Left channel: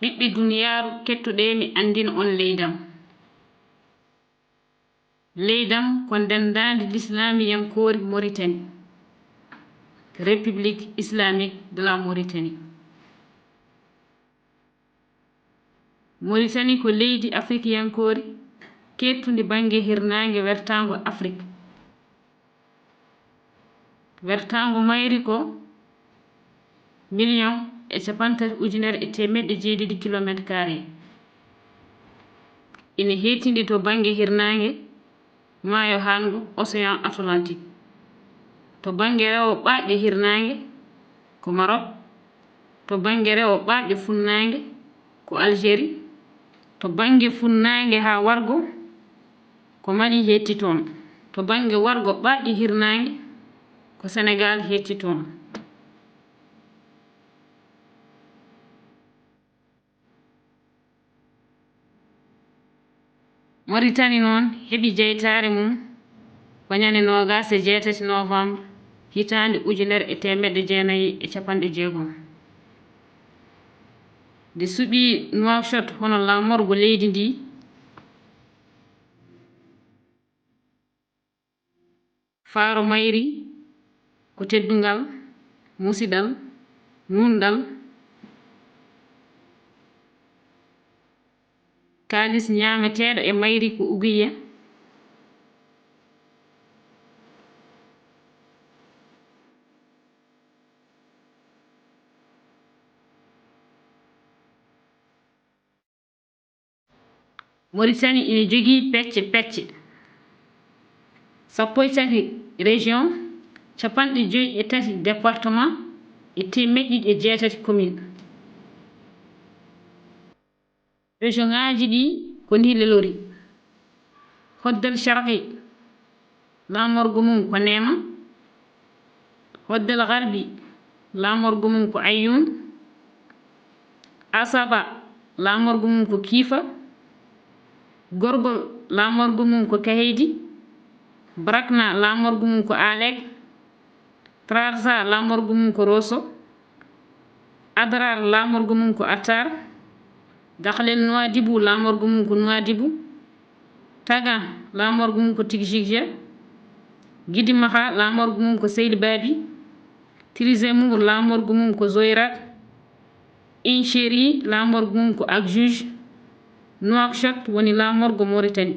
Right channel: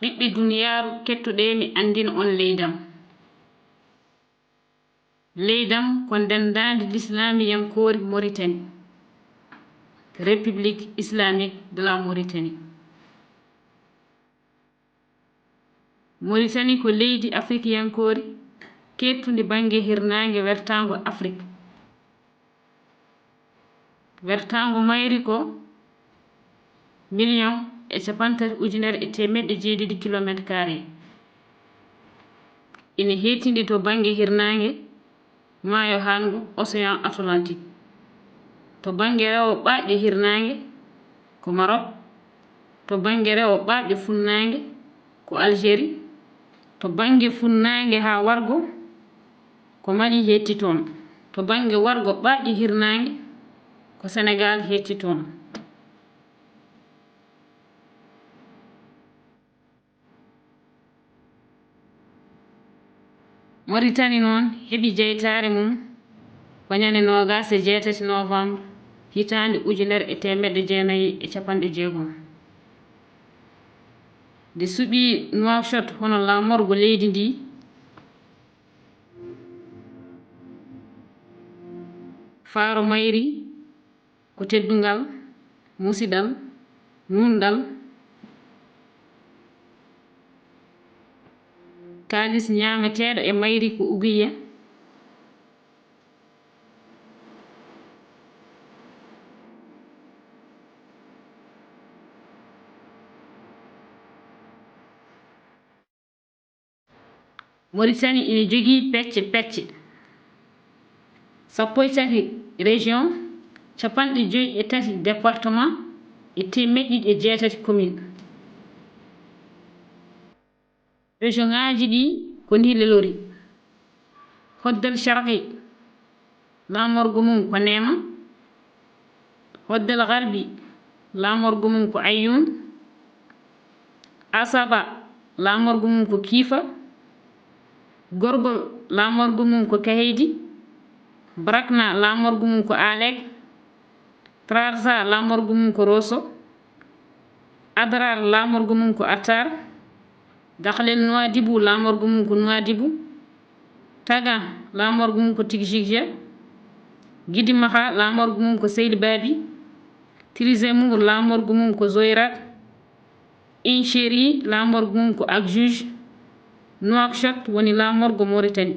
ɓiɓɓe duniyaaru kettuɗe mi andina on leydam. Leydam ko ndendandi l'islamiyankoori Mauritanie, République islamique de la Mauritanie. Mauritanie ko leydi afrikiyankoori kettundi bange hirnaange wertaango Afrique. Wertaango mayri ko 1,387,000 km². Ina heetindi to bange hirnaange maayo haango Océan Atlantique. To bange rewo ɓaɗɗe hirnaange ko Maroc. To bange rewo ɓaɗɗe funnaange ko Algérie. To bange funnaange haa wargo ko Mali heetti toon. To bange wargo ɓaɗɗe hirnaange ko Sénégal heetti toon. Mauritanie noon heɓi jeytaare mum ko ñande 28 novembre hitaande 1960. Nde suɓii Nouakchott hono laamorgo leydi ndi, faaro mayri ko teddungal, musidal, nunɗal, kaalis ñaameteeɗo e mayri ko ugiya. Mauritanie ina jogii pecce 13 région, 53 département e 108 commune. Région ŋaaji ɗi ko ndi lelori: Hoddel Sharqi laamorgo mum ko Nema, Hoddel Gharbi laamorgo mum ko Ayoun, Asaba laamorgo mum ko Kiifa, Gorgol laamorgo mum ko Kaheydi, Brakna laamorgo mum ko Alek, Trarza laamorgo mum ko Rosso, Adrar laamorgo mum ko Attar, Dakhel Nouadhibou laamorgo mum ko Nouadhibou, Tagan laamorgo mum ko Tigigja, Guidimaha laamorgo mum ko Seylbabi, Tirizimour laamorgo mum ko Zoyrat, Inchéri laamorgo mum ko Agjuj, Nouakchott woni laamorgo Mauritanie.